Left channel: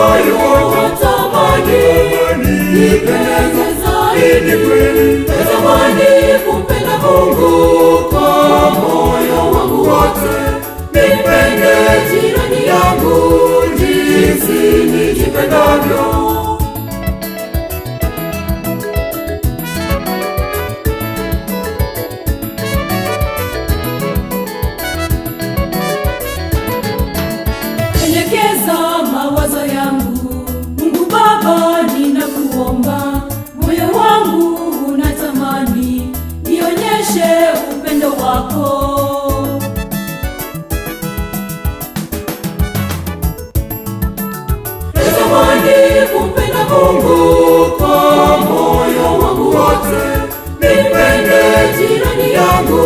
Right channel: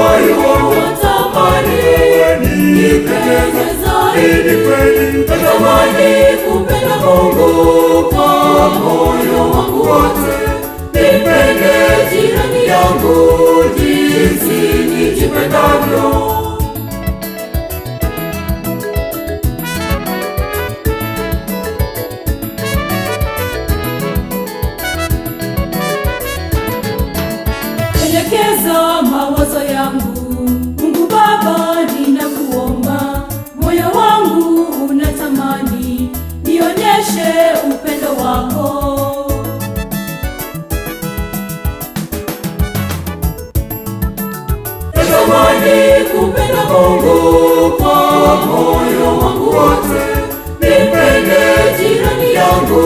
moyo watamani nipendeze zaidi kweli. Natamani kumpenda Mungu kwa moyo wangu wote, nipende jirani yangu jinsi nijipendavyo. Natamani kumpenda Mungu kwa moyo wangu wote, nipende jirani yangu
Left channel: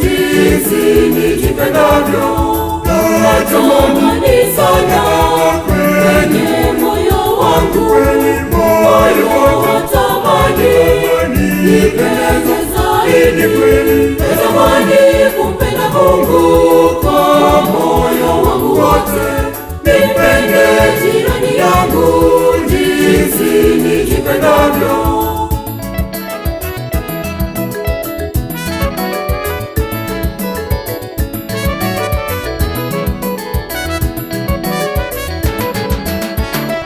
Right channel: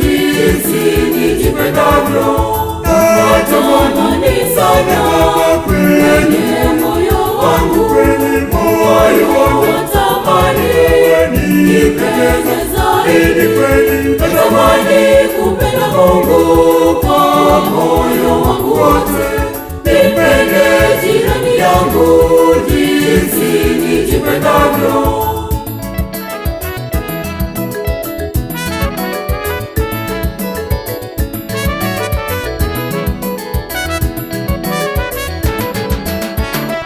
jinsi nijipendavyo. Natamani sana kwenye moyo wangu, moyo watamani nipendeze zaidi kweli. Natamani kumpenda Mungu kwa moyo wangu wote, nipende jirani yangu jinsi nijipendavyo.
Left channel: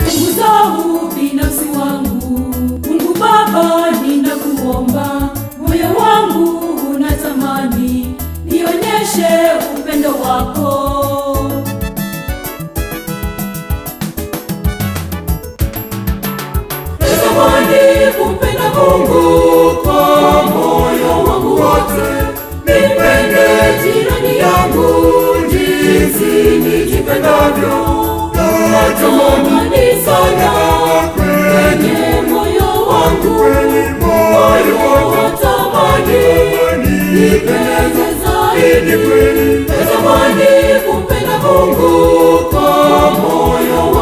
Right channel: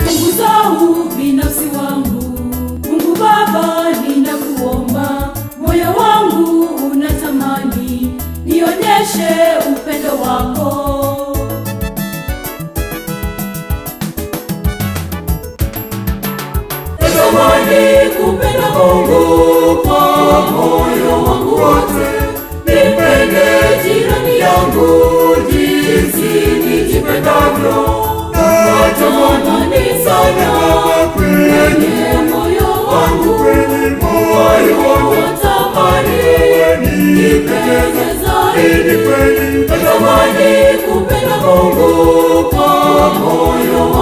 Usahau binafsi wangu, Mungu Baba, ninakuomba. Moyo wangu unatamani nionyeshe upendo wako. Natamani kumpenda Mungu kwa moyo wangu wote, nipende jirani yangu jinsi nijipendavyo. Natamani sana kwenye moyo wangu, moyo watamani nipendeze zaidi kweli. Natamani kumpenda Mungu kwa moyo wangu